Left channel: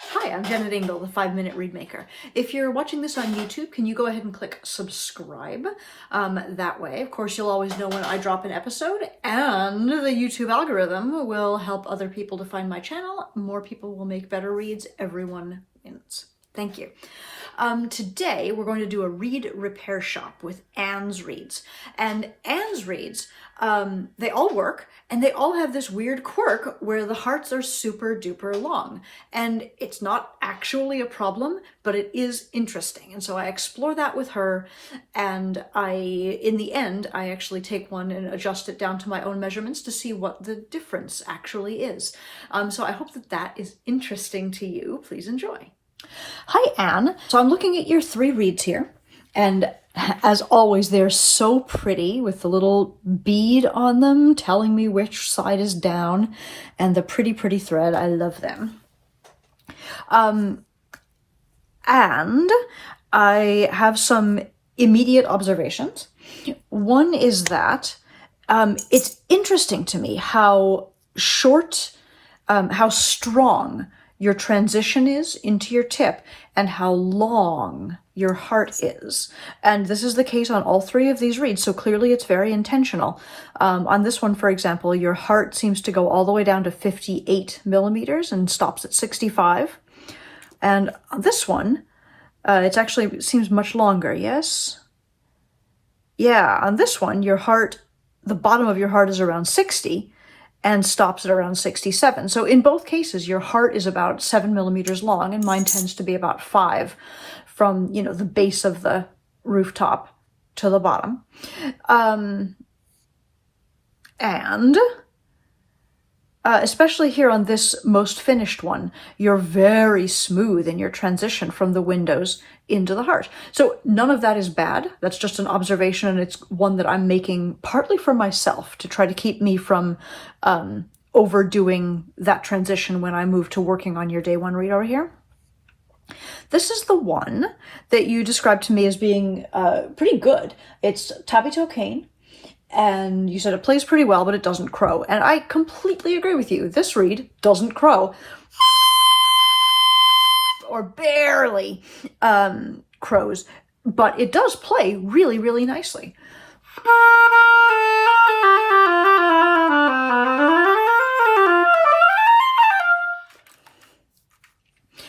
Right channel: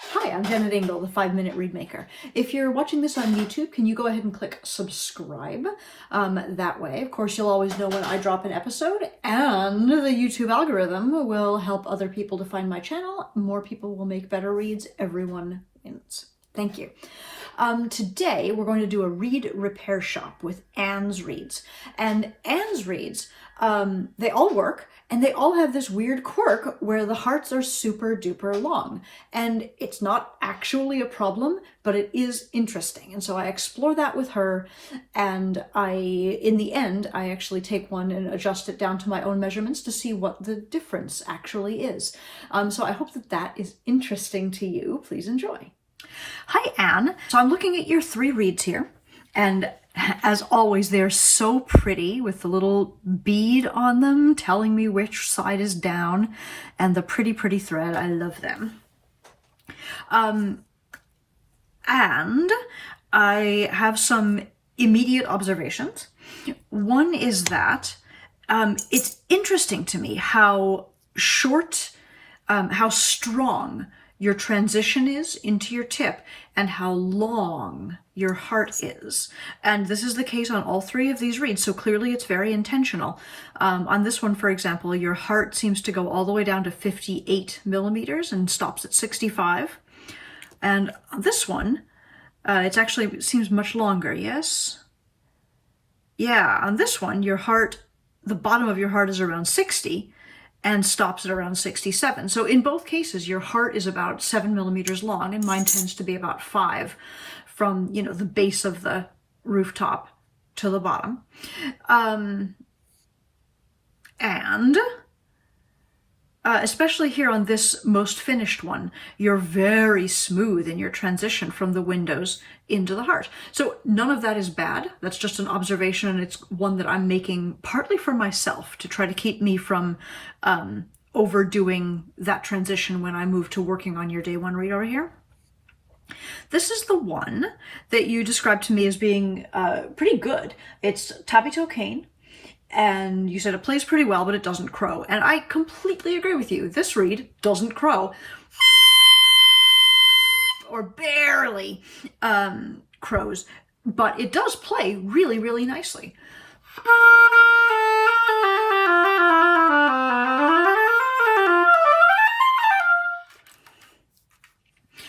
Hi, I'm Jennet Ingle, the 5-Minute Read Maker. If you're watching this on YouTube, can you go ahead and click subscribe? That way, of course, you'll always know when I drop an episode, and the YouTube algorithm will help other people to find my channel. More people will make better reads. Everyone wins. Thank you. Today, we're going to do a read repair shop with Anne's reads. And Anne's reads, they all work, and they all have this weird quirk where the hearts are super duper long. And it's not actually a problem, but it is interesting. And so I explore that with her, and in the end, I actually take one and adjust it down to my own measurements to see what the difference actually is. So I hope that is interesting to you. Please enjoy. Hi, Anne. So I'm looking at your 3 reads here, and as always, they're so pretty with the little bead on them telling me which side is down, and the pretty thread. I love them. And I have some immediate observations. One is that it's interesting to me how strong your transition is into your tip and how long your heart is. And this is the case on all 3 of these reads, so clearly it's very intentional. On this one, for example, your heart seems to go all the way down to 58 millimeters and stops at 65. And on this one, it seems much longer, yes? Yeah, on this one, your heart, the bottom of your heart is around 60, and stops at around 67. So in both cases, your heart is about 7 millimeters long, and mine tends to be about 5 from, the base of the rooftop to the bottom. Especially here on this most finished one, you're very smooth in your transition from the windows into the heart. So none of that is bad. That's just an observation, and it's one that I'm making partly for myself to try to keep me from overdoing that transition when I move to working on your day 1 read over here. This is the one that you described to me as being pretty good. It's tabby-toe cane. And you said it plays pretty well, but it doesn't crow. And I completely agree with you. This read doesn't crow. Or barely crows. But it does play really, really nicely.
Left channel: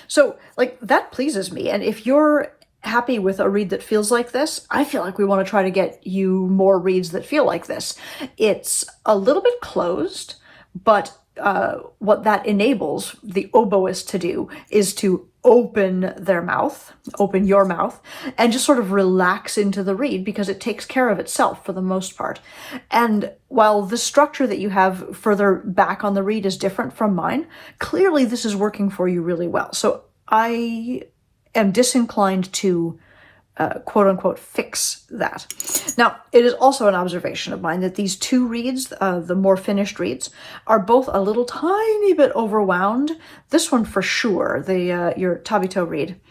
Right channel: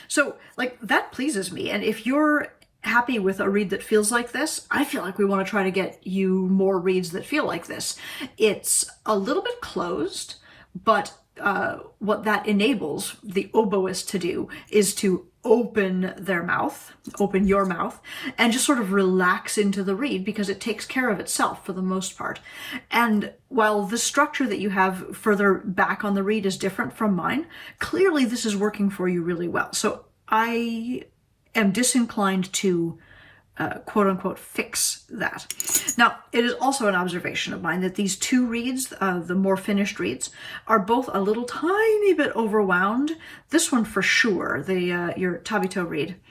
So, that pleases me. And if you're happy with a read that feels like this, I feel like we want to try to get you more reads that feel like this. It's a little bit closed, but what that enables the oboist to do is to open your mouth, and just sort of relax into the read because it takes care of itself for the most part. And while the structure that you have further back on the read is different from mine, clearly this is working for you really well. So I am disinclined to quote-unquote fix that. Now, it is also an observation of mine that these 2 reads, the more finished reads, are both a little tiny bit overwound. This one for sure, your tabby-toe read,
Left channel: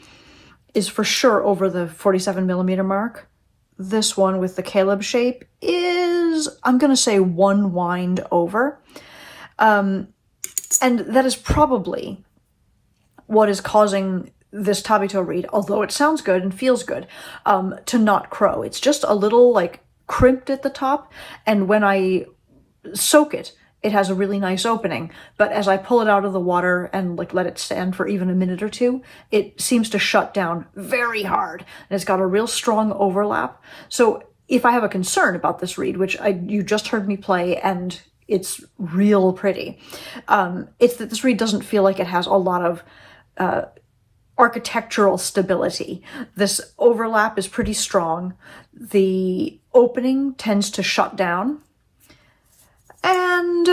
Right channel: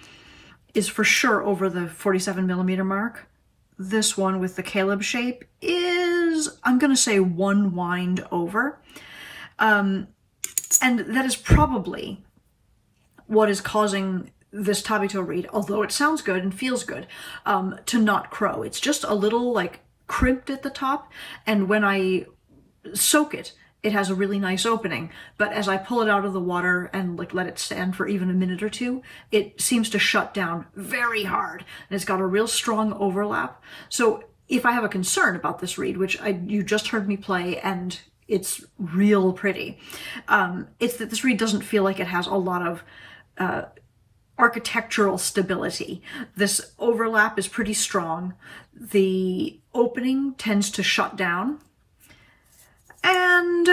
is for sure over the 47 millimeter mark. This one with the Caleb shape is, I'm going to say, 1 wind over. And that is probably what is causing this tabby-toe read, although it sounds good and feels good, to not crow. It's just a little crimped at the top, and when I soak it, it has a really nice opening, but as I pull it out of the water and let it stand for even a minute or 2, it seems to shut down very hard, and it's got a real strong overlap. So if I have a concern about this read, which you just heard me play, and it's real pretty, it's that this read doesn't feel like it has a lot of architectural stability. This overlap is pretty strong. The opening tends to shut down. And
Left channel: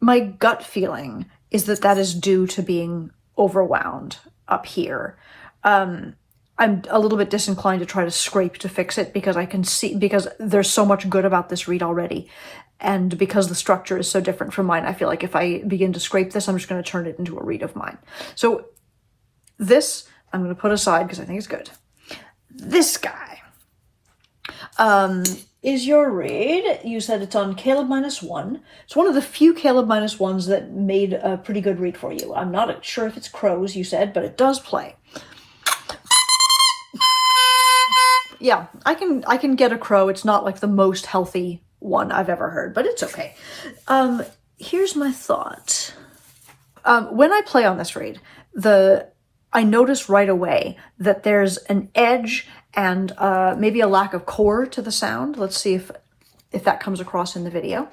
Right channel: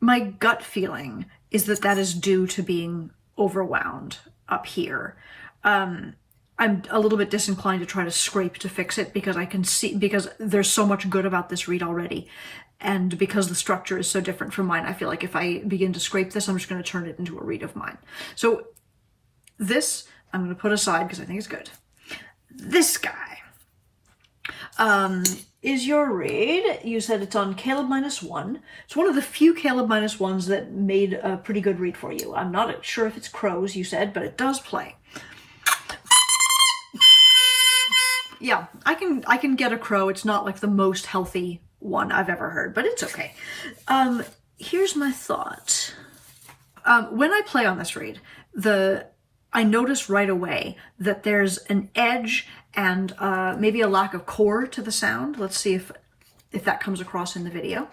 my gut feeling is that is due to being overwound up here. I'm a little bit disinclined to try to scrape to fix it because because there's so much good about this read already. And because the structure is so different from mine, I feel like if I begin to scrape this, I'm just going to turn it into a read of mine. So this I'm going to put aside because I think it's good. This guy, Is your read? You said it's on Caleb -1. It's one of the few Caleb -1s that made a pretty good read for you. I'm not sure if it's crows, you said, but it does play. Yeah, I can get a crow. It's not like the most healthy one I've ever heard, but it's okay. Here's my thought. When I play on this read, I notice right away that there's an edge and maybe a lack of core to the sound. Let's see if that comes across in the video.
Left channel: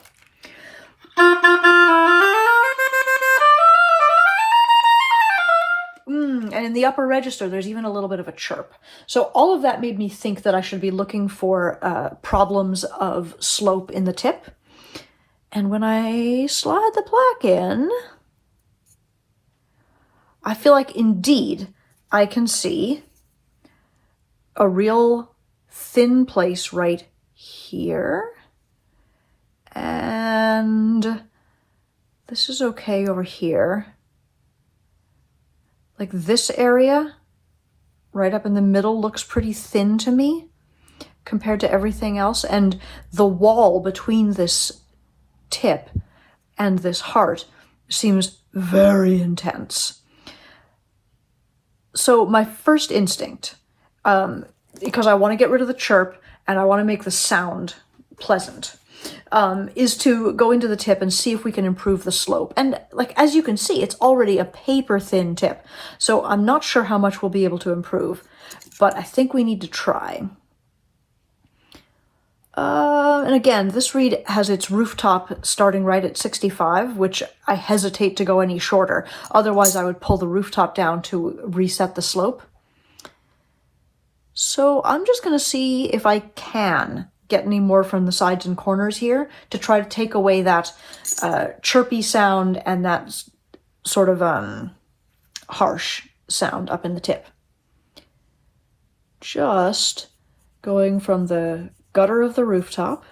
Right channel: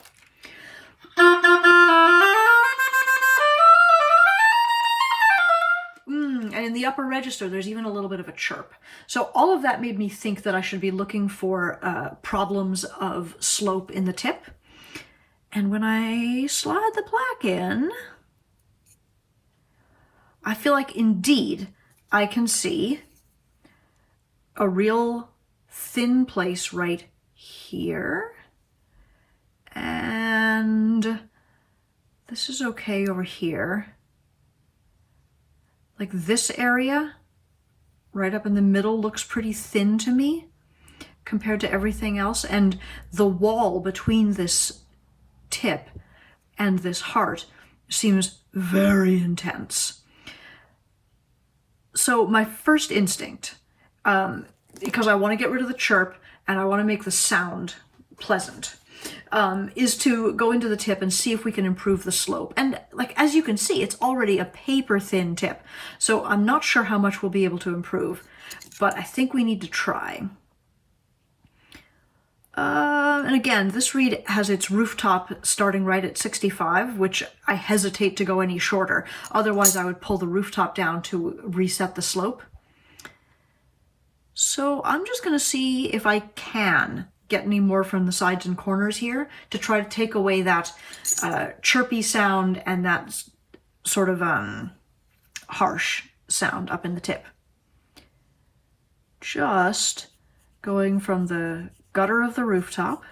And in the upper register, there's even a little bit of a chirp. So all of that made me think that I should be looking for problems of slope in the tip. And when I slide the plaque in, I feel like indeed I can see a real thin place right here. And this is okay over here. Like this area right up in the middle looks pretty thin to me compared to everything else. And the wall between this tip and this heart seems very intense. So my first instinct, because I want to get rid of the chirp and I want to make the sound pleasant, is to go into the tip and see if we can improve the slope. And like, as you can see, it's already a paper thin tip. So I'm not sure how much we'll be able to improve, but I think we need to try. And again, this reed has its rooftop starting right at 65, which I hesitate to go any shorter. Otherwise, I would pull the rooftop down to reset the slope. So I'm just going to see if I can get any more from the sides and corners here to try to take away that chirpy sound and that sort of harsh sound up in the tip. Just going from the gutter of the rooftop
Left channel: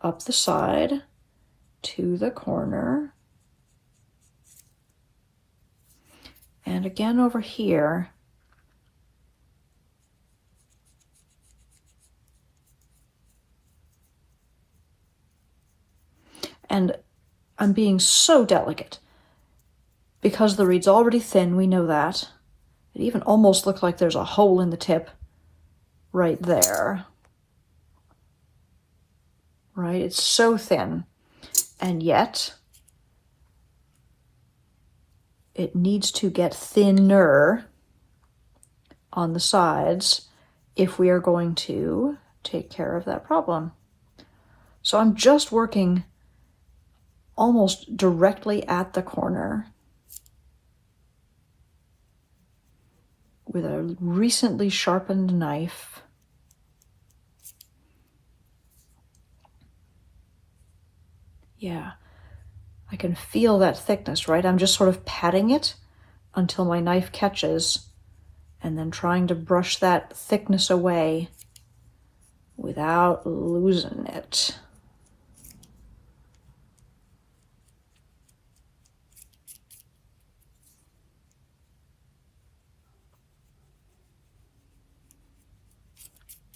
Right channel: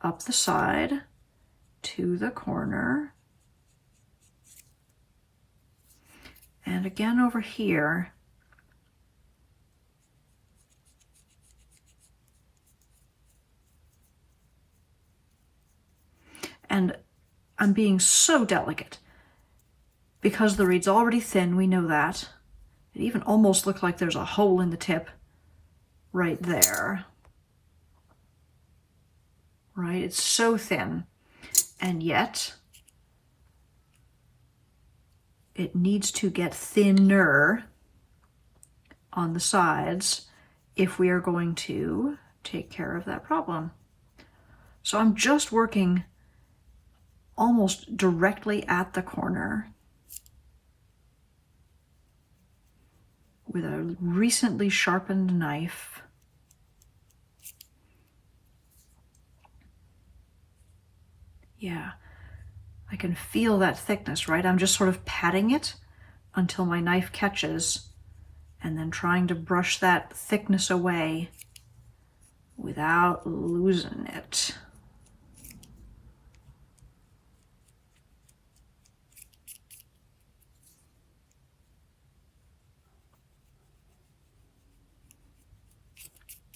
up the side to the corner, and again over here. And I'm being so delicate because the reed's already thin, we know that. It even almost looks like there's a hole in the tip right there. Right? It's so thin. And yet, it needs to get thinner on the sides if we are going to take care of that problem. So I'm just working almost directly at the corner with a recently sharpened knife. Yeah, I can feel that thickness, right? I'm just sort of patting it until my knife catches and then trying to brush that thickness away without losing it.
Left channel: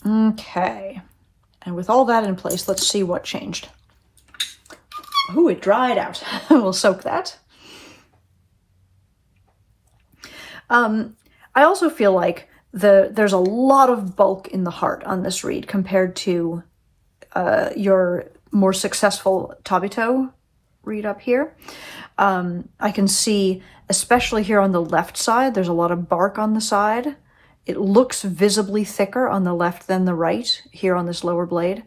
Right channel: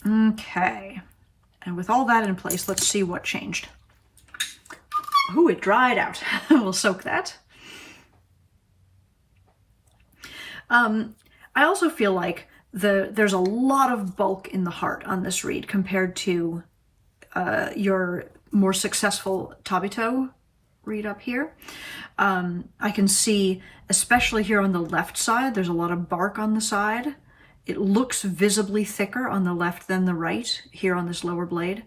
Okay, and with all that in place, let's see what changed. Ooh, it dried out. We'll soak that. I also feel like there's a lot of bulk in the heart on this reed compared to your more successful Tabito reed up here. I can see, especially here on the left side, there's a lot of bark on the side. It looks visibly thicker on the left than the right here on this lower blade.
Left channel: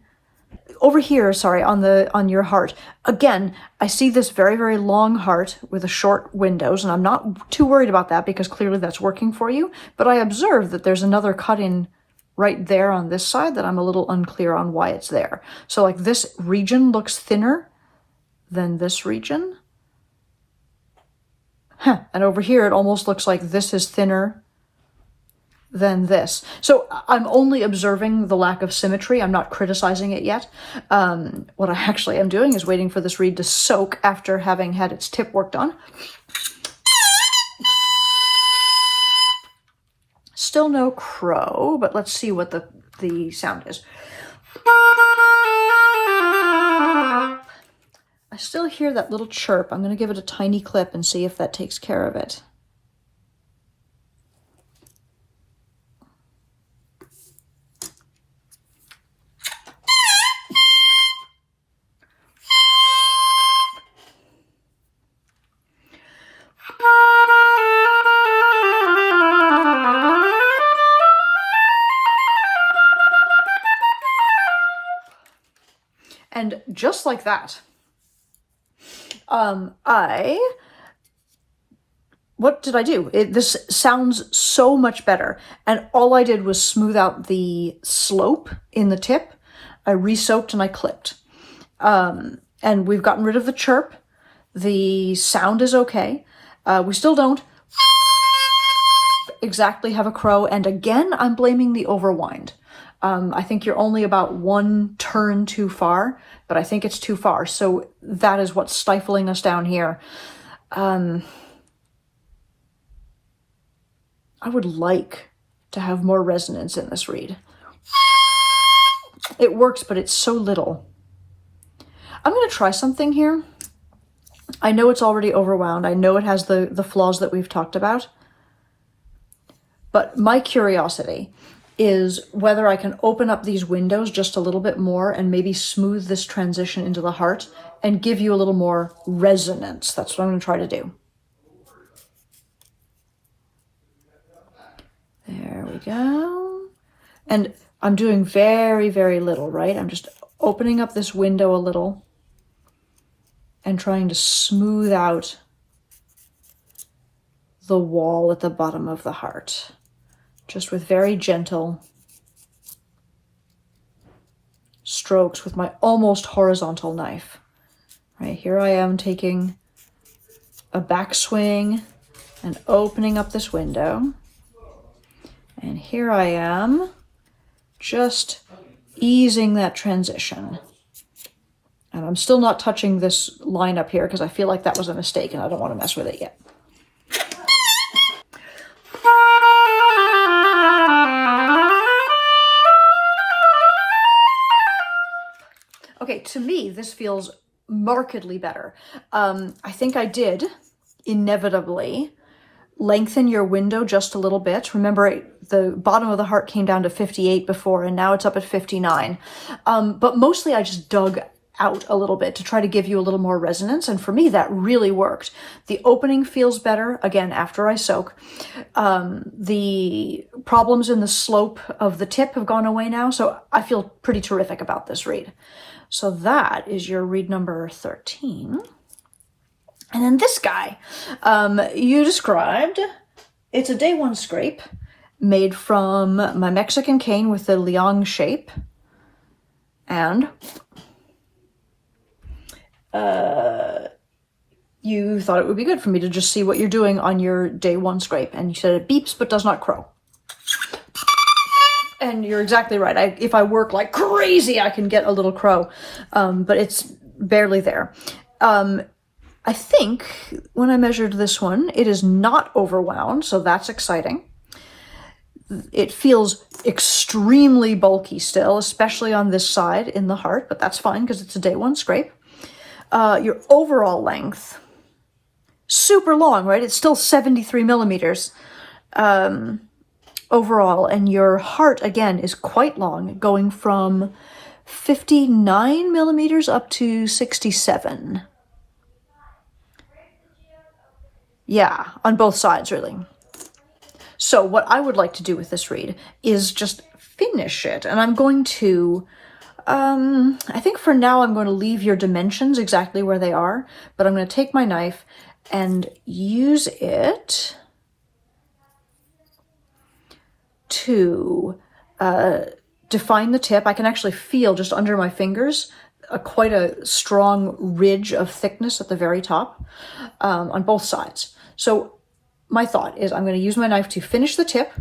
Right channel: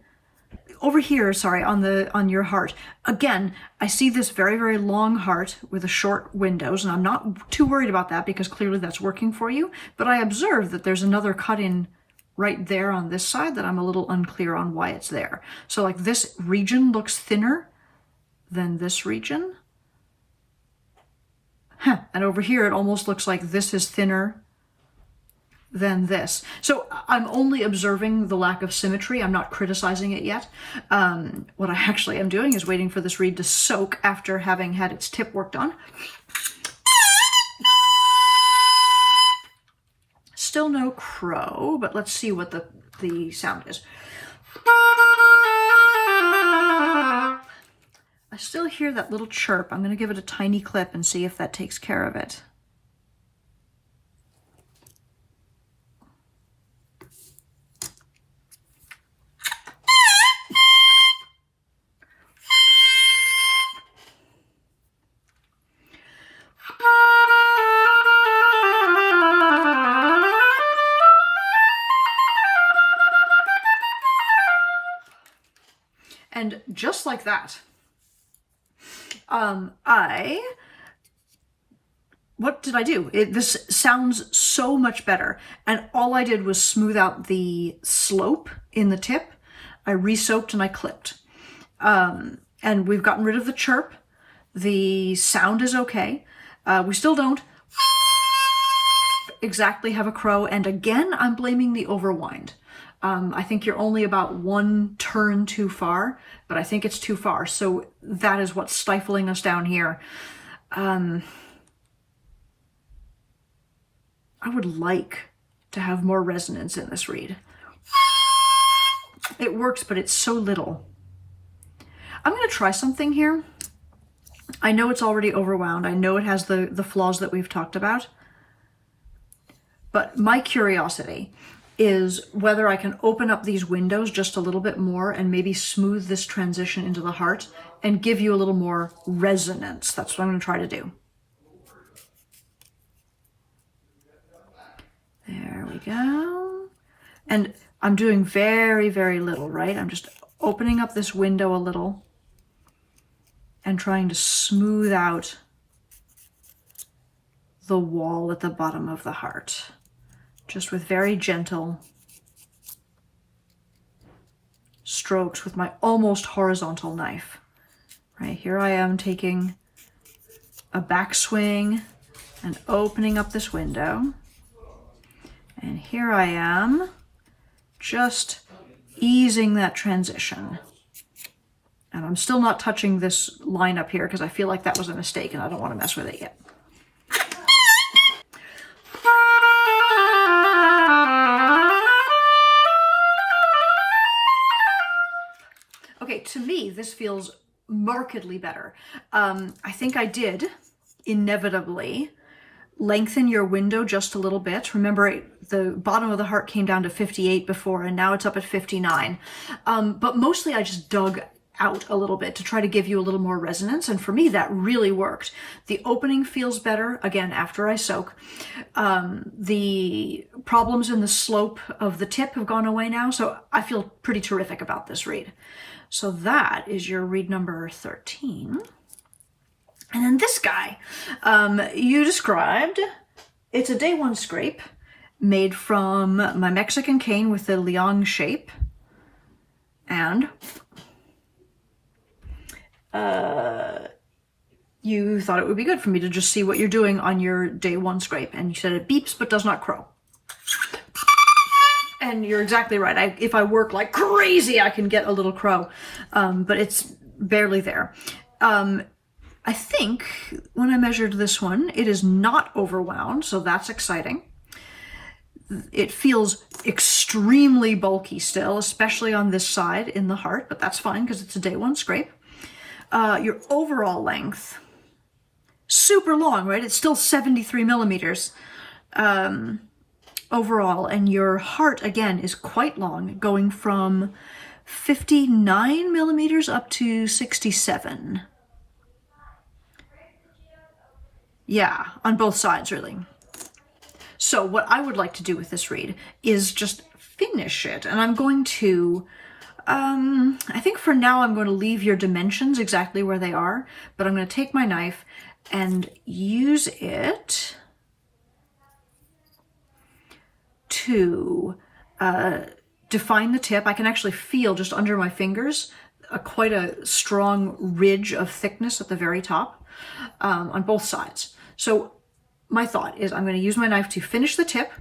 Over here, sorry, on your heart, again, I see this very, very long heart with a short windows, and I'm not too worried about that because clearly that's working for you, but I observe that there's another cut in right there on this side that I'm a little unclear on why it's there. So like this region looks thinner than this region. And over here, it almost looks like this is thinner than this. So I'm only observing the lack of symmetry. I'm not criticizing it yet. What I actually am doing is waiting for this reed to soak after having had its tip worked on. still no crow, but let's see what the sound is. I still hear that little chirp. I'm going to give it a tiny clip and see if that takes care of it. And just like that, what did I do? This sounds so much better. And all I did was smooth out the slope in the tip. I re-soaked and I clipped. And we've gotten rid of the chirp. The sound is okay. We still don't exactly have a crow. And again, I'm blaming the overwind. I think you're only about one turn too far, but I think it's too far. So that is what's stifling us down here. I would like to have more resonance in this reed. It works, but it's so little. I'm going to try something here. I know it's already overwound. I know it has the flaws that we've talked about. But my curiosity is whether I can open up these windows just a little bit more and maybe smooth this transition into the heart and give you a little more resonance. That's what I'm going to try to do. There we go. And I'm doing very, very little, right? I'm just opening up this window a little and trying to smooth out the wall at the bottom of the heart. Just with very gentle strokes with my almost horizontal knife. Right, here I am taking a backswing and opening up this window. And here I am just easing that transition. And I'm still not touching this line up here because I feel like that was a mistake and I don't want to mess with it yet. Okay, to me, this feels markedly better. I think I did inevitably lengthen your window just a little bit. Remember, the bottom of the heart came down to 58 before, and now it's up at 59. But mostly I just dug out a little bit to try to give you a little more resonance. And for me, that really worked. The opening feels better, again, after I soak. The problems in the slope of the tip have gone away now, so I feel pretty terrific about this reed. So that is your reed number 13. And then this guy, you described, it's a day one scrape made from my Mexican cane with the liang shape. And you thought it would be good for me to just see what you're doing on your day one scrape. And you said it beeps but does not crow. And you're exactly right. If I work like crazy, I can get a little crow, but it's barely there. I think when I measured this one, it is not overwound, so that's exciting. It feels extremely bulky still, especially on this side in the heart, but that's fine because it's a day one scrape. Your overall length, super long, right? It's still 73 millimeters. Overall, and your heart again is quite long, going from 59 millimeters up to 67. Yeah, on both sides, really. So what I would like to do with this reed is just finish it, and I'm going to, I think for now I'm going to leave your dimensions exactly where they are, but I'm going to take my knife and use it to define the tip. I can actually feel just under my fingers quite a strong ridge of thickness at the very top on both sides. So my thought is I'm going to use my knife to finish the tip,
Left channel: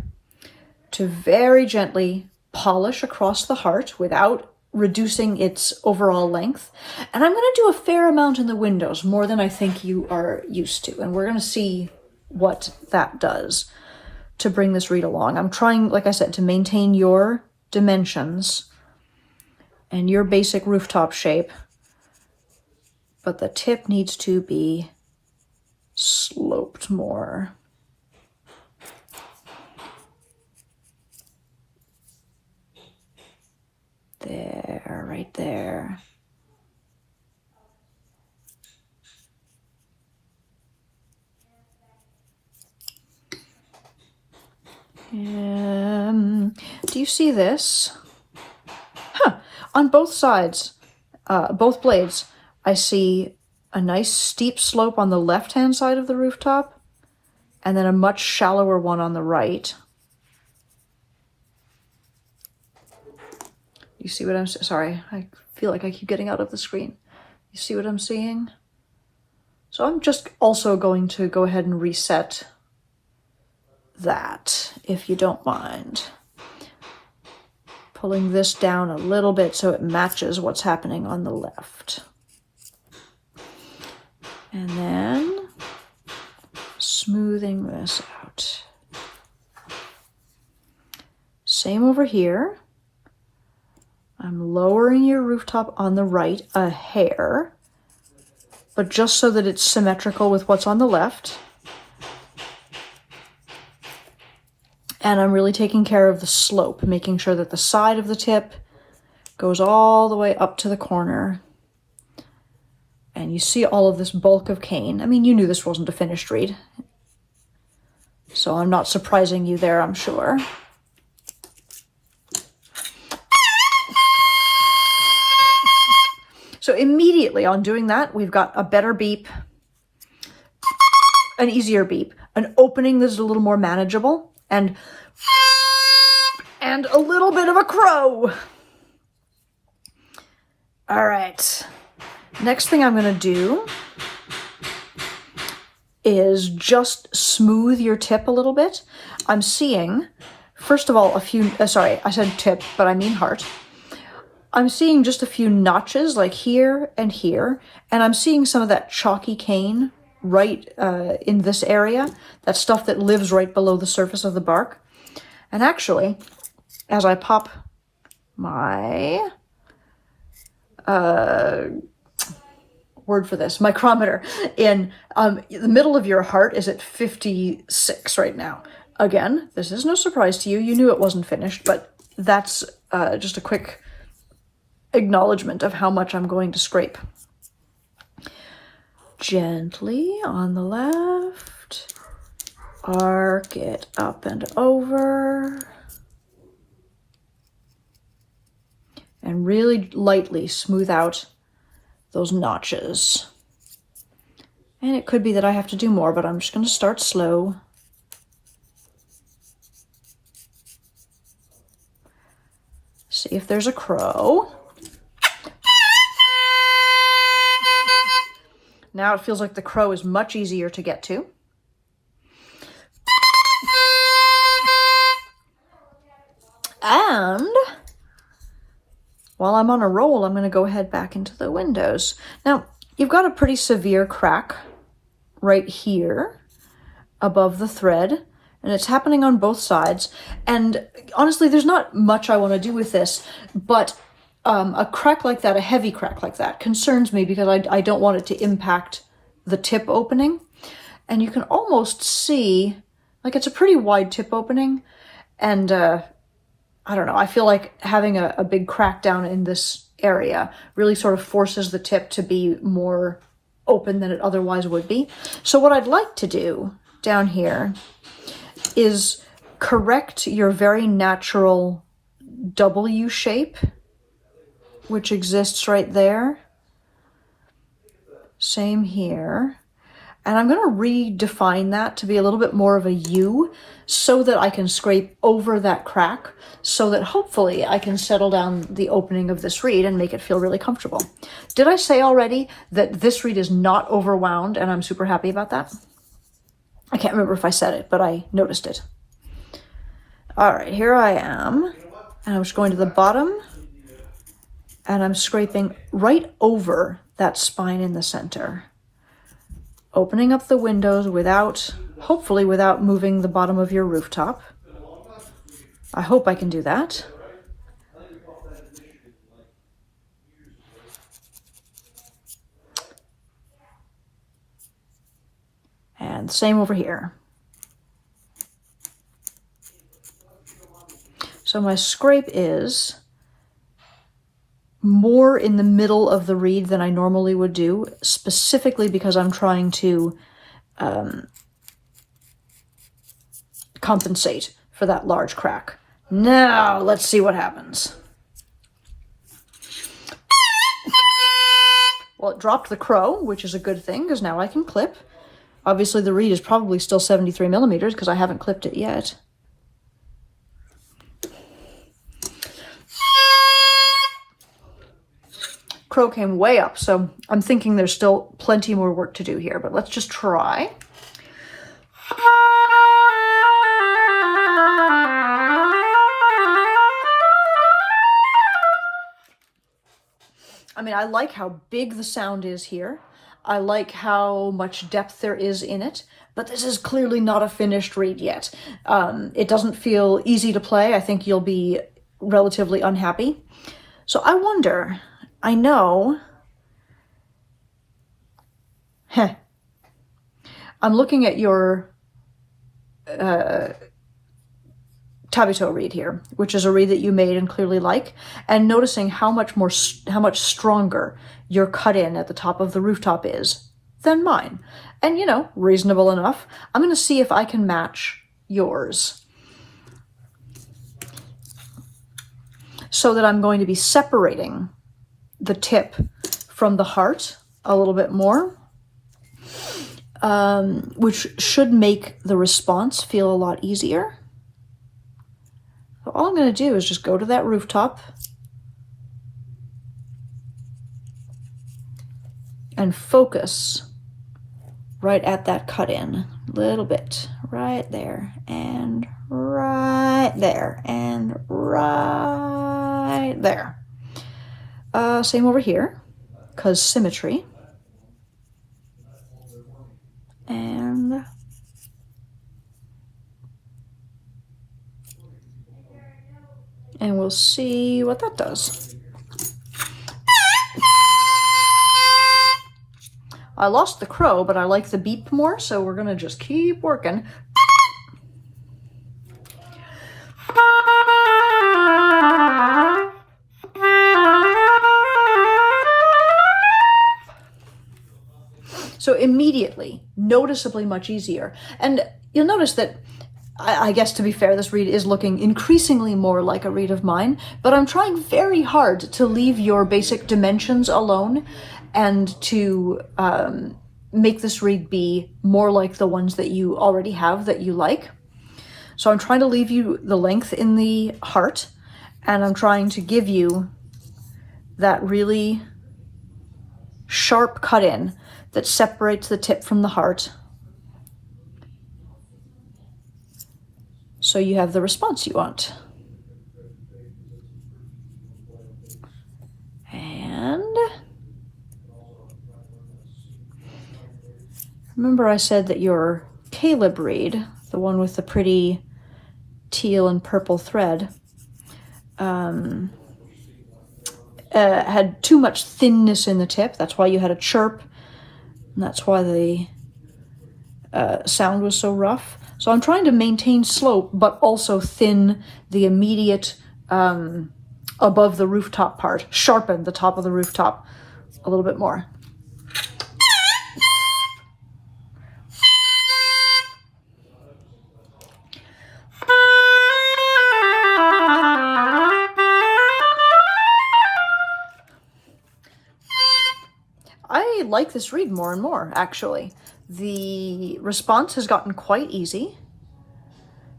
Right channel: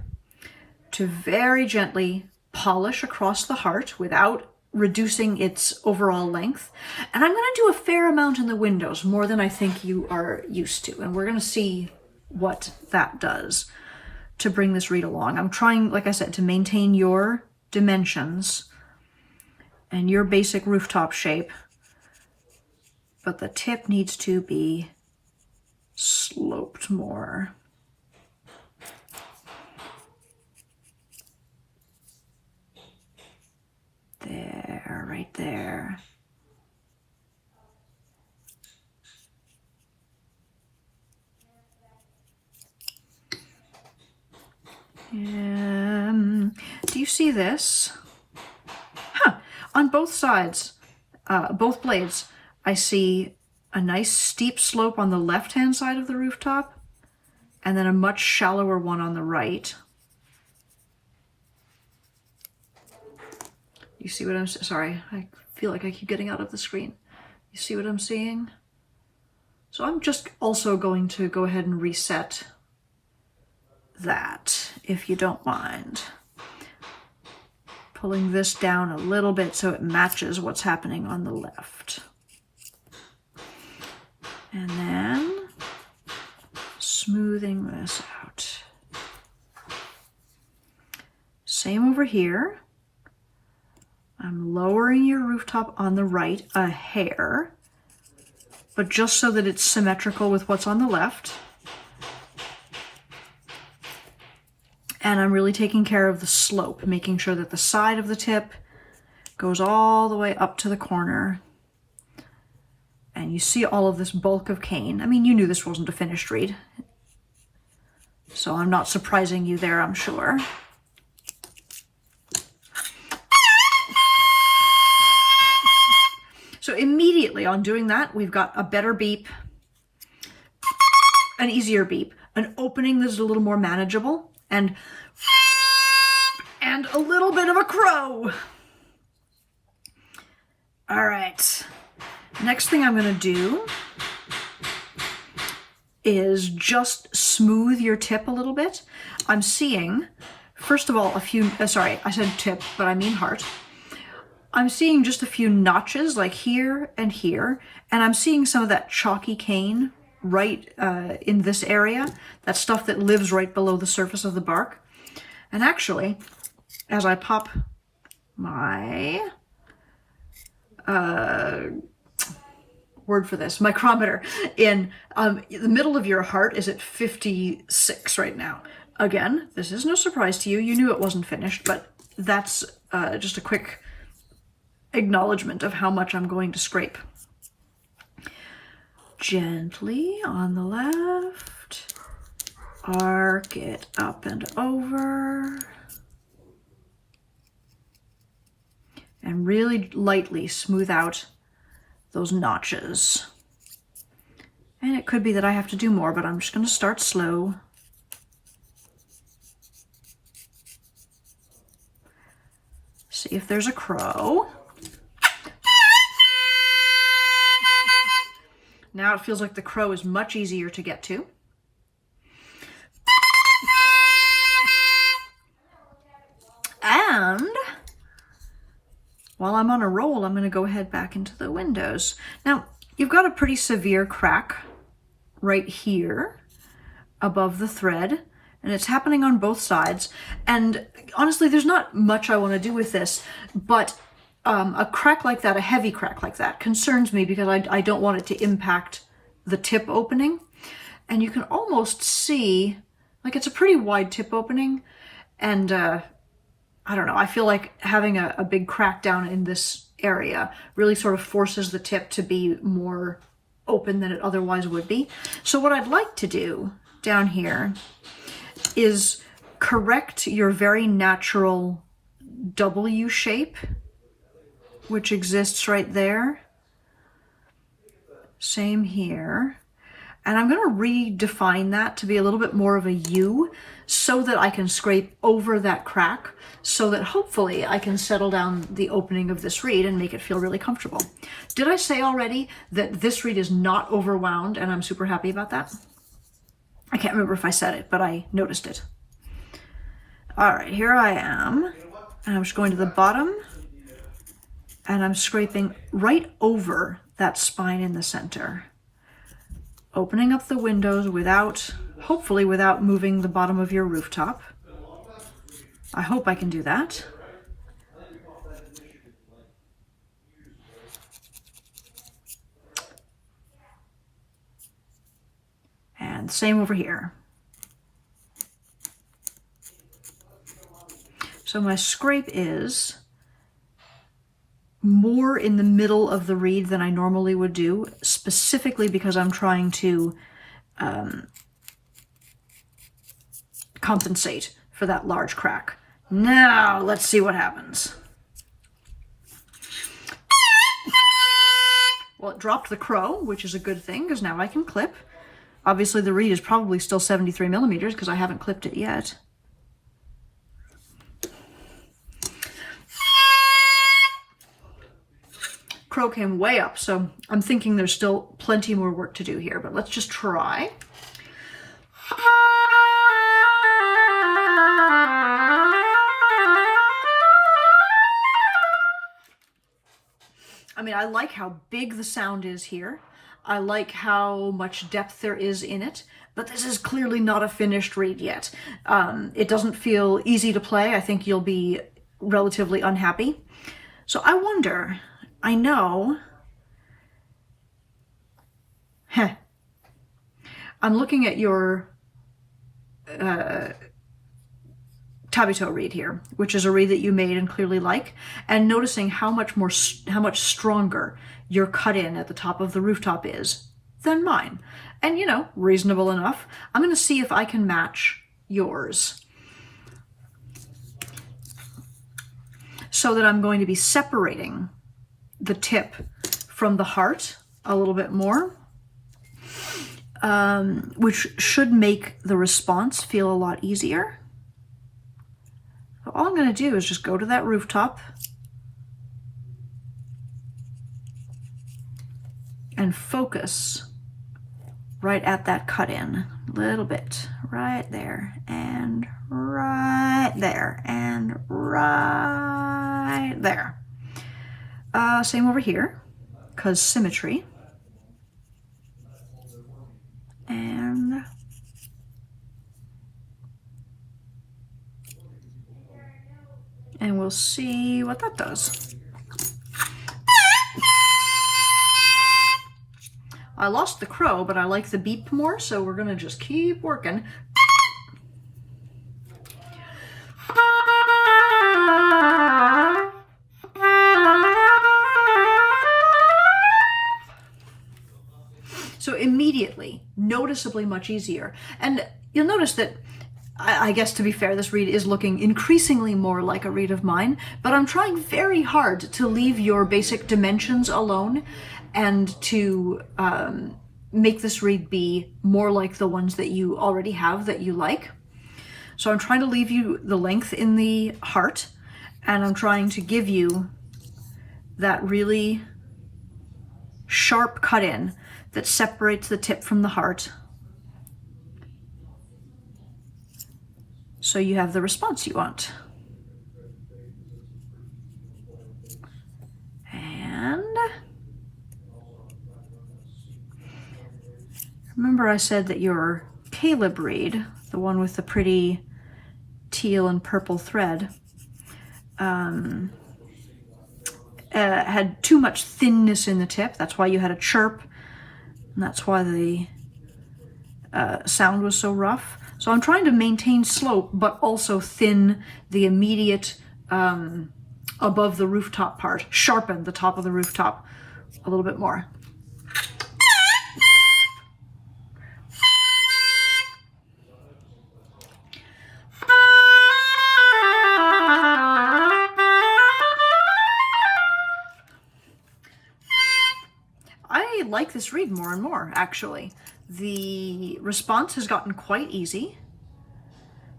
to very gently polish across the heart without reducing its overall length. And I'm going to do a fair amount in the windows, more than I think you are used to. And we're going to see what that does to bring this reed along. I'm trying, like I said, to maintain your dimensions and your basic rooftop shape, but the tip needs to be sloped more. There, right there. Do you see this? Huh. On both sides, both blades, I see a nice steep slope on the left-hand side of the rooftop, and then a much shallower one on the right. You see what I'm saying? Sorry, I feel like I keep getting out of the screen. You see what I'm seeing? So I'm just also going to go ahead and reset that, if you don't mind. Pulling this down a little bit so it matches what's happening on the left. And then smoothing this out. Same over here. I'm lowering your rooftop on the right a hair, but just so that it's symmetrical with what's on the left. And I'm really taking care of the slope, making sure that the side of the tip goes all the way up to the corner. And you see all of this bulk of cane. I mean, you knew this wasn't a finished reed, so I'm not surprising you there, I'm sure. So immediately on doing that, we've got a better beep, an easier beep, an opening that's a little more manageable, and a little bit of a crow. All right. Next thing I'm going to do is just smooth your tip a little bit. I'm seeing, first of all, a few, sorry, I said tip, but I mean heart. I'm seeing just a few notches like here and here, and I'm seeing some of that chalky cane right in this area, that stuff that lives right below the surface of the bark. And actually, as I pop my word for this, micrometer in the middle of your heart is at 56 right now. Again, this is no surprise to you. You knew it wasn't finished, but that's just a quick acknowledgement of how much I'm going to scrape. Gently on the left, arc it up and over, and really lightly smooth out those notches. And it could be that I have to do more, but I'm just going to start slow. See if there's a crow. Now it feels like the crow is much easier to get to. And while I'm on a roll, I'm going to go ahead back into the windows. Now, you've got a pretty severe crack right here above the thread, and it's happening on both sides. And honestly, there's not much I want to do with this, but a crack like that, a heavy crack like that, concerns me because I don't want it to impact the tip opening. And you can almost see, like, it's a pretty wide tip opening, and I don't know, I feel like having a big crack down in this area really sort of forces the tip to be more open than it otherwise would be. So what I'd like to do down here is correct your very natural W shape, which exists right there. Same here. And I'm going to redefine that to be a little bit more of a U so that I can scrape over that crack, so that hopefully I can settle down the opening of this reed and make it feel really comfortable. Did I say already that this reed is not overwound, and I'm super happy about that? I can't remember if I said it, but I noticed it. All right, here I am, and I'm just going to the bottom, and I'm scraping right over that spine in the center. opening up the windows hopefully without moving the bottom of your rooftop. I hope I can do that. And same over here. So my scrape is more in the middle of the reed than I normally would do, specifically because I'm trying to compensate for that large crack. Now, let's see what happens. Well, it dropped the crow, which is a good thing, because now I can clip. Obviously, the reed is probably still 73 millimeters, because I haven't clipped it yet. Crow came way up, so I'm thinking there's still plenty more work to do here, but let's just try. I mean, I like how big the sound is here. I like how much depth there is in it, but this is clearly not a finished reed yet. It doesn't feel easy to play. I think you'll be relatively unhappy. So I wonder, I know, I'm looking at your Tabito reed here, which is a reed that you made and clearly like, and noticing how much stronger your cut in at the top of the rooftop is than mine. And, you know, reasonable enough. I'm going to see if I can match yours. So that I'm going to be separating the tip from the heart a little bit more, which should make the response feel a lot easier. So all I'm going to do is just go to that rooftop and focus right at that cut in a little bit, right there and right there and right there. Same over here, because symmetry. And we'll see what that does. I lost the crow, but I like the beep more, so we're gonna just keep working. So immediately, noticeably much easier. And you'll notice that, I guess to be fair, this reed is looking increasingly more like a reed of mine, but I'm trying very hard to leave your basic dimensions alone and to make this reed be more like the ones that you already have that you like. So I'm trying to leave you the length in the heart, and I'm trying to give you that really sharp cut in that separates the tip from the heart, so you have the response you want. And remember I said that your Caleb reed, the one with the pretty teal and purple thread, had too much thinness in the tip. That's why you had a chirp, and that's why the sound was so rough. So I'm trying to maintain slope, but also thin the immediate above the rooftop part, sharpen the top of the rooftop a little bit more. I like this reed more and more, actually. The response has gotten quite easy.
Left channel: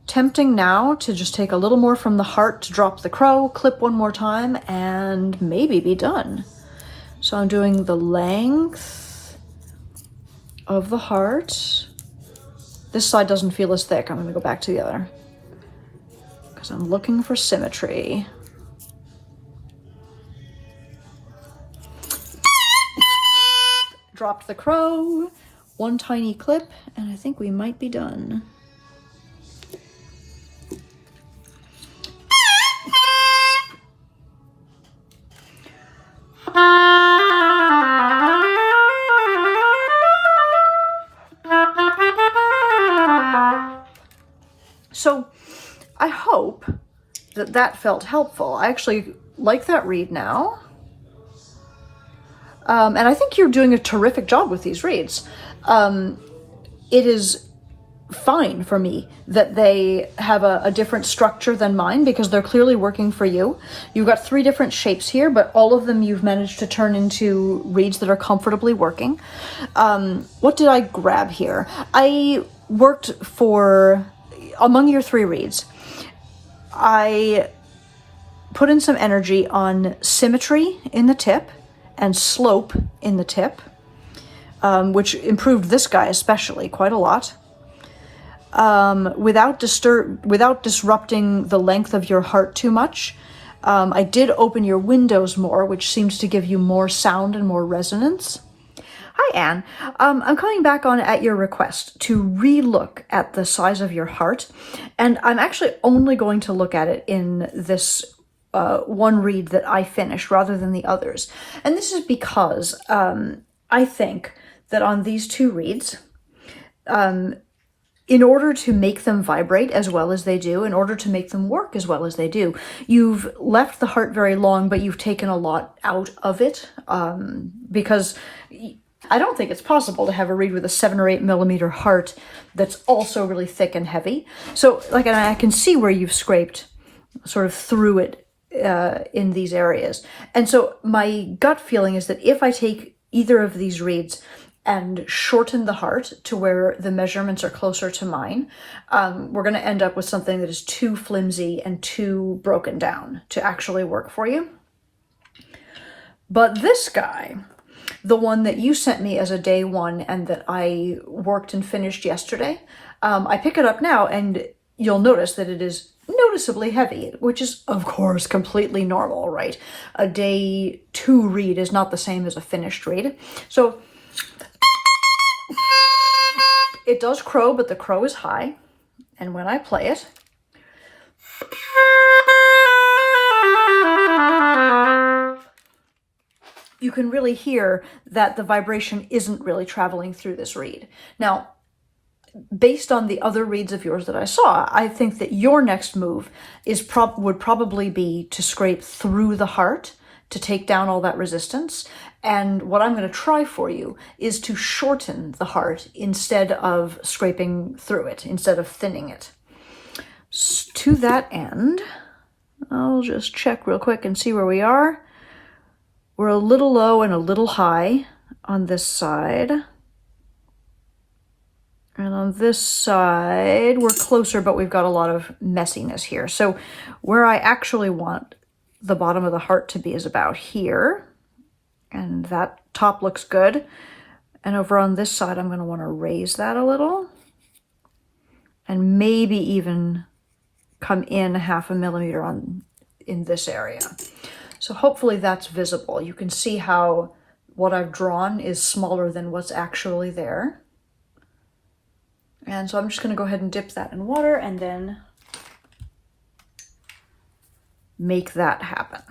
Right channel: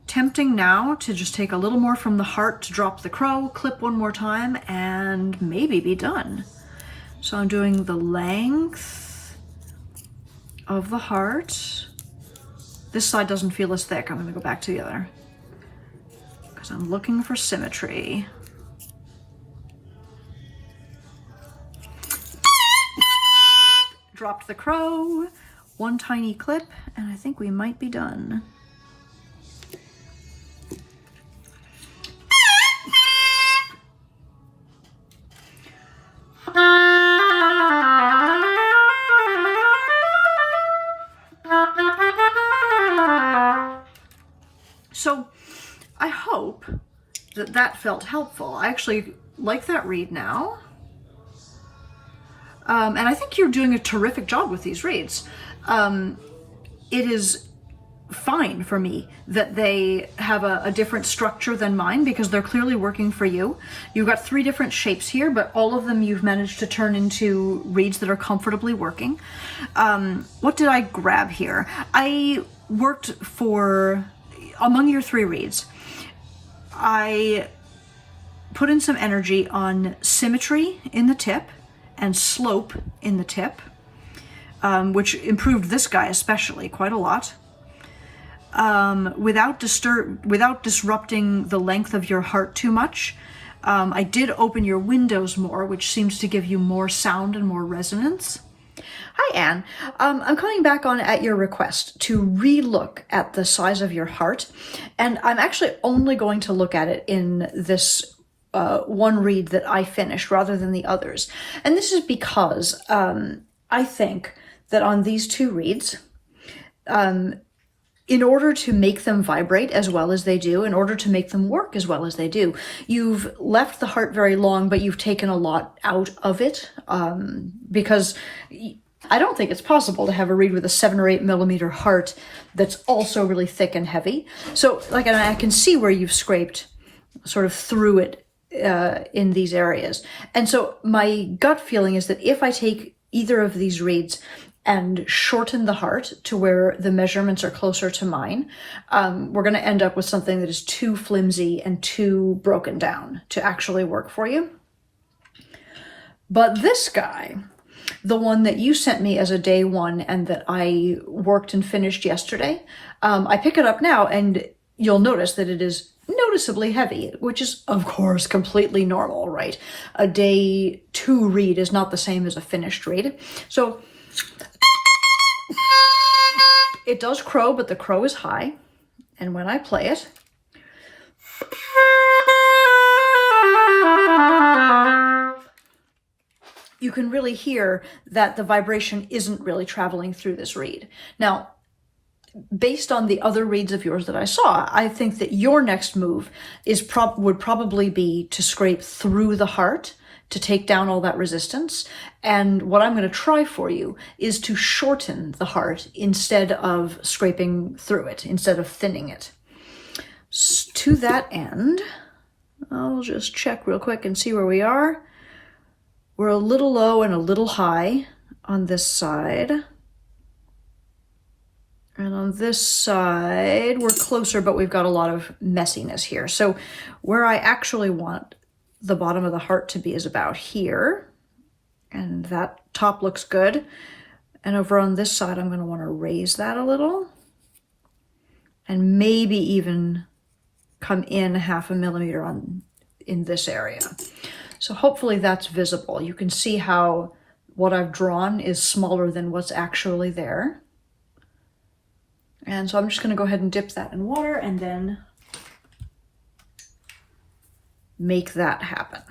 Tempting now to just take a little more from the heart to drop the crow, clip one more time, and maybe be done. So I'm doing the length of the heart. This side doesn't feel as thick. I'm going to go back to the other, because I'm looking for symmetry. Dropped the crow. one tiny clip, and I think we might be done. So I hope that that felt helpful. I actually like that read now. And I think you're doing a terrific job with these reads. It is fine for me that they have a different structure than mine because they're clearly working for you. You've got 3 different shapes here, but all of them you've managed to turn into reads that are comfortably working. What did I grab here? I worked for, among your 3 reads, I put in some energy on symmetry in the tip and slope in the tip, which improved this guy especially quite a lot. Without disrupting the length of your heart too much. I did open your windows more, which seems to give you more sound and more resonance. Hi, Anne. I'm coming back on at your request to re-look at the size of your heart, and I'm actually only going to look at it in this one read that I finished rather than the others. And this is because I think that on these 2 reads, in order to make them vibrate as well as they do, in order to make them work as well as they do, you've left the heart very long, but you've taken a lot out of it, because I don't think it's possible to have a reed with a 7 or 8 millimeter heart that's also really thick and heavy. So, like, and I can see where you've scraped sort of through it in these areas. And so my gut feeling is that if I take either of these reeds and shorten the heart to where the measurements are closer to mine, we're going to end up with something that is too flimsy and too broken down to actually work for you. But this guy, the one that you sent me as a day 1 and that I worked and finished yesterday, I pick it up now and you'll notice that it is noticeably heavy, which is of course completely normal, right? A day 2 read is not the same as a finished read. So it does crow, but the crow is high. And when I play it, you can really hear that the vibration isn't really traveling through this reed. Now, based on the other reads of yours that I saw, I think that your next move is would probably be to scrape through the heart to take down all that resistance. And what I'm going to try for you is to shorten the heart instead of scraping through it, instead of thinning it. To that end, I'll just check real quick and see where we are. We're a little low and a little high on this side. And on this side, we're closer, but we've got a lot of messiness here. So where I actually want the bottom of the heart to be is about here. And that top looks good. And over on this side, I'm going to want to raise that a little. And maybe even come in 0.5 millimeter in this area. So hopefully that's visible. You can see how what I've drawn is smaller than what's actually there. And so I'm just going to go ahead and dip that in water and then make that happen.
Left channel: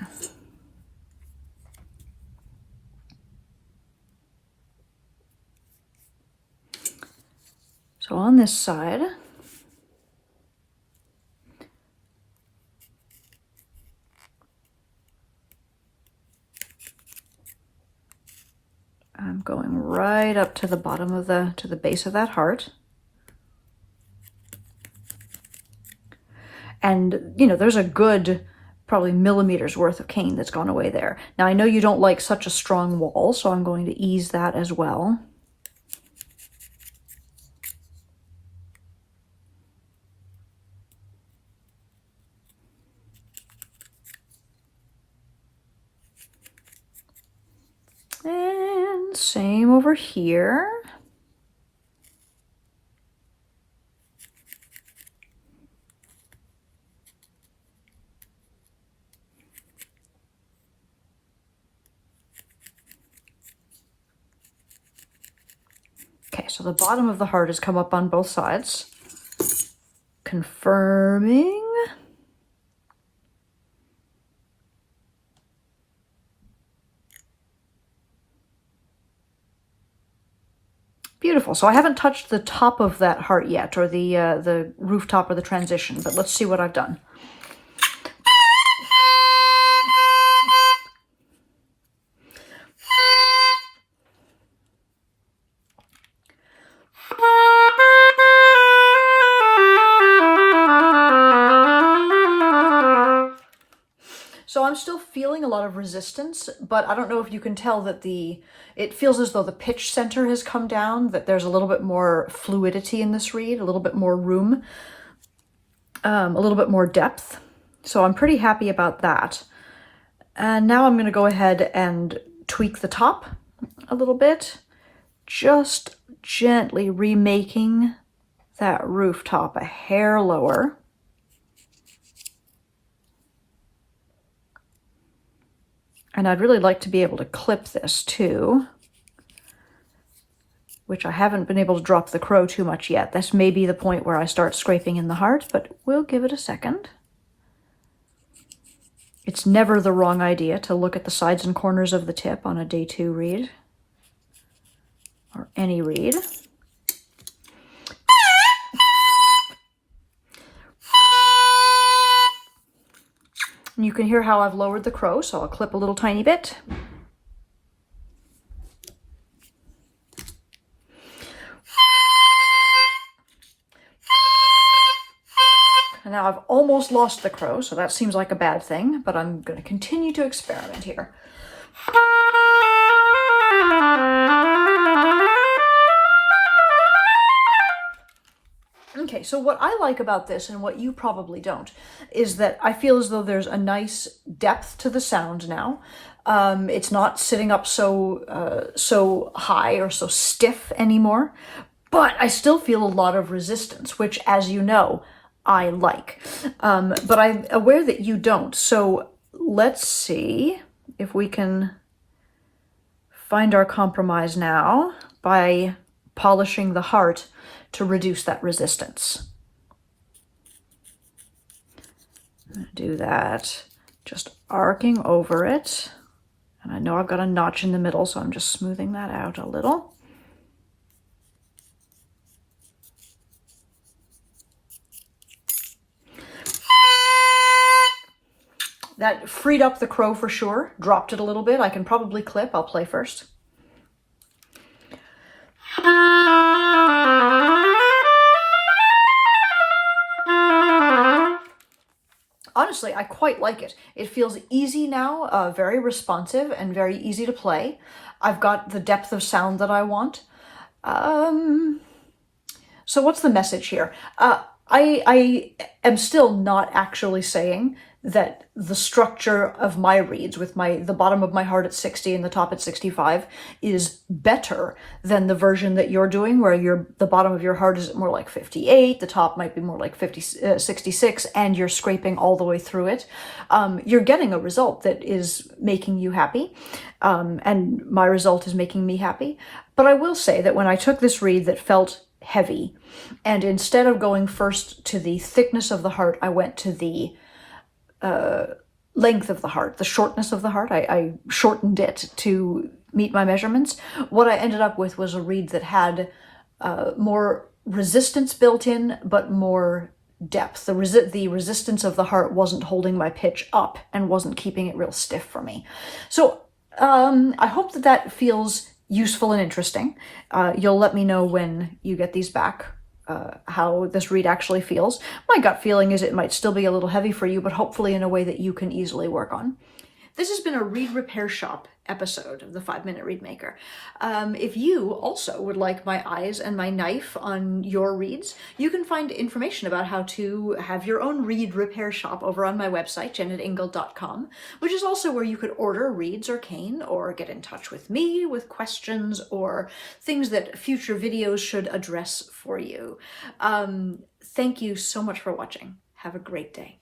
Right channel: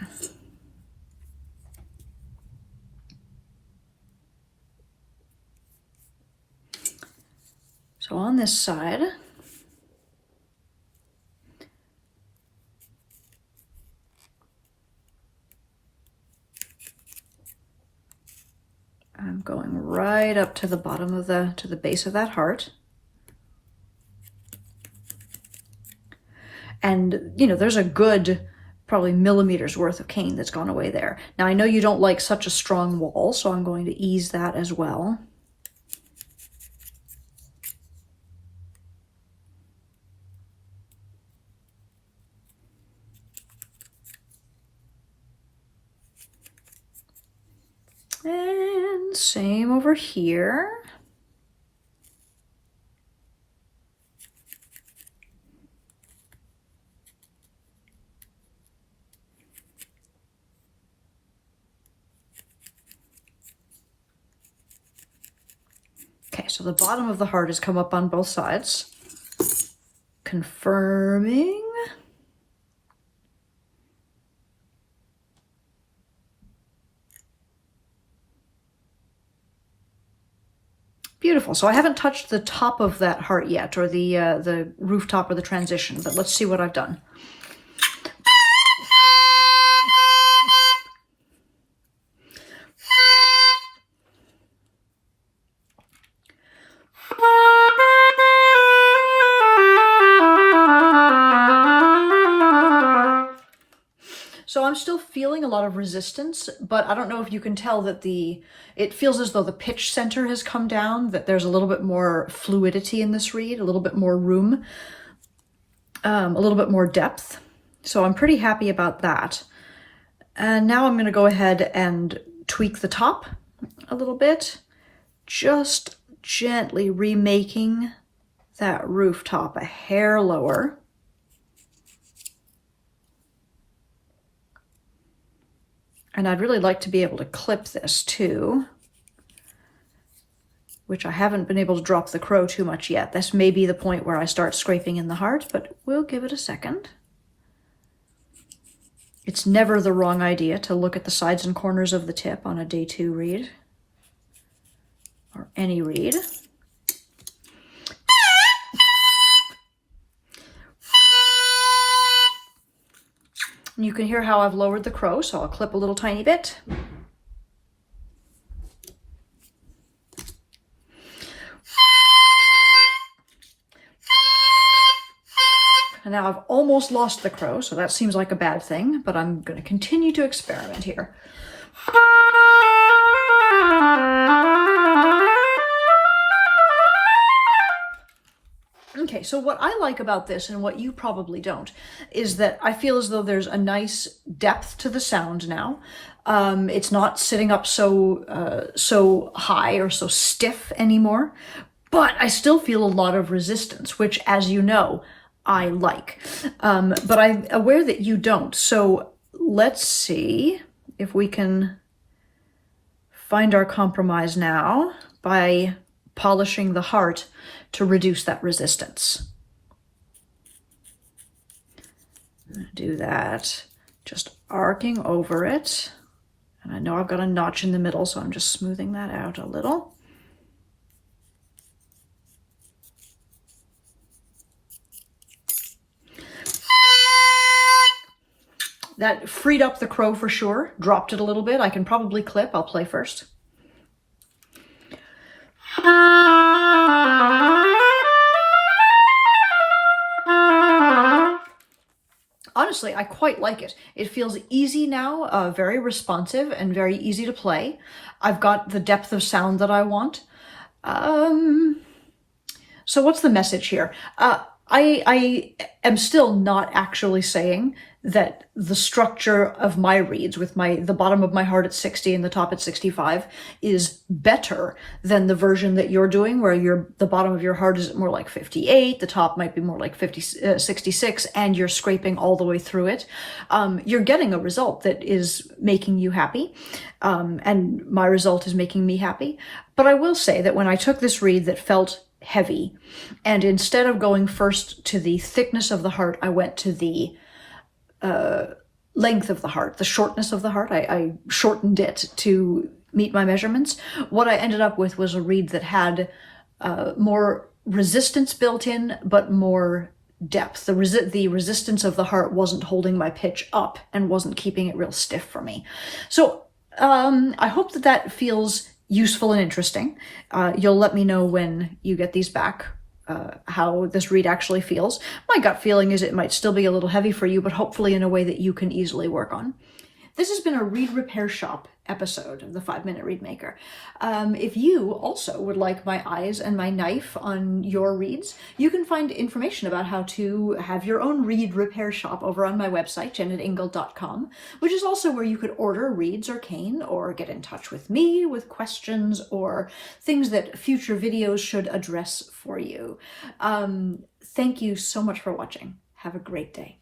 So on this side, I'm going right up to the bottom of to the base of that heart. And, you know, there's a good probably millimeters worth of cane that's gone away there. Now, I know you don't like such a strong wall, so I'm going to ease that as well. And same over here. Okay, so the bottom of the heart has come up on both sides. Confirming. Beautiful. So I haven't touched the top of that heart yet, or the rooftop or the transition, but let's see what I've done. So I'm still feeling a lot of resistance, but I don't know if you can tell that it feels as though the pitch center has come down, that there's a little bit more fluidity in this reed, a little bit more room, a little bit more depth. So I'm pretty happy about that. And now I'm going to go ahead and tweak the top a little bit, just gently remaking that rooftop a hair lower. And I'd really like to be able to clip this too, which I haven't been able to drop the crow too much yet. This may be the point where I start scraping in the heart, but we'll give it a second. It's never the wrong idea to look at the sides and corners of the tip on a day 2 reed, or any reed. And you can hear how I've lowered the crow, so I'll clip a little tiny bit. And now I've almost lost the crow, so that seems like a bad thing, but I'm going to continue to experiment here. Okay, so what I like about this, and what you probably don't, is that I feel as though there's a nice depth to the sound now. It's not sitting up so high or so stiff anymore, but I still feel a lot of resistance, which, as you know, I like. But I'm aware that you don't. So let's see if we can find our compromise now by polishing the heart to reduce that resistance. Do that, just arcing over it. And I know I've got a notch in the middle, so I'm just smoothing that out a little. That freed up the crow for sure, dropped it a little bit. I can probably clip, I'll play first. Honestly, I quite like it. It feels easy now, very responsive and very easy to play. I've got the depth of sound that I want. So what's the message here? I am still not actually saying that the structure of my reeds, with the bottom of my heart at 60 and the top at 65, is better than the version that you're doing, where the bottom of your heart is more like 58, the top might be more like 66, and you're scraping all the way through it. You're getting a result that is making you happy, and my result is making me happy. But I will say that when I took this reed that felt heavy, and instead of going first to the thickness of the heart, I went to the length of the heart, the shortness of the heart. I shortened it to meet my measurements. What I ended up with was a reed that had more resistance built in, but more depth. The resistance of the heart wasn't holding my pitch up and wasn't keeping it real stiff for me. So I hope that feels useful and interesting. You'll let me know when you get these back, how this reed actually feels. My gut feeling is it might still be a little heavy for you, but hopefully in a way that you can easily work on. This has been a Reed Repair Shop episode of the 5-Minute Reed Maker. If you also would like my eyes and my knife on your reeds, you can find information about how to have your own reed repair shop over on my website, jennetingle.com, which is also where you could order reeds or cane, or get in touch with me with questions or things that future videos should address for you. Thank you so much for watching. Have a great day.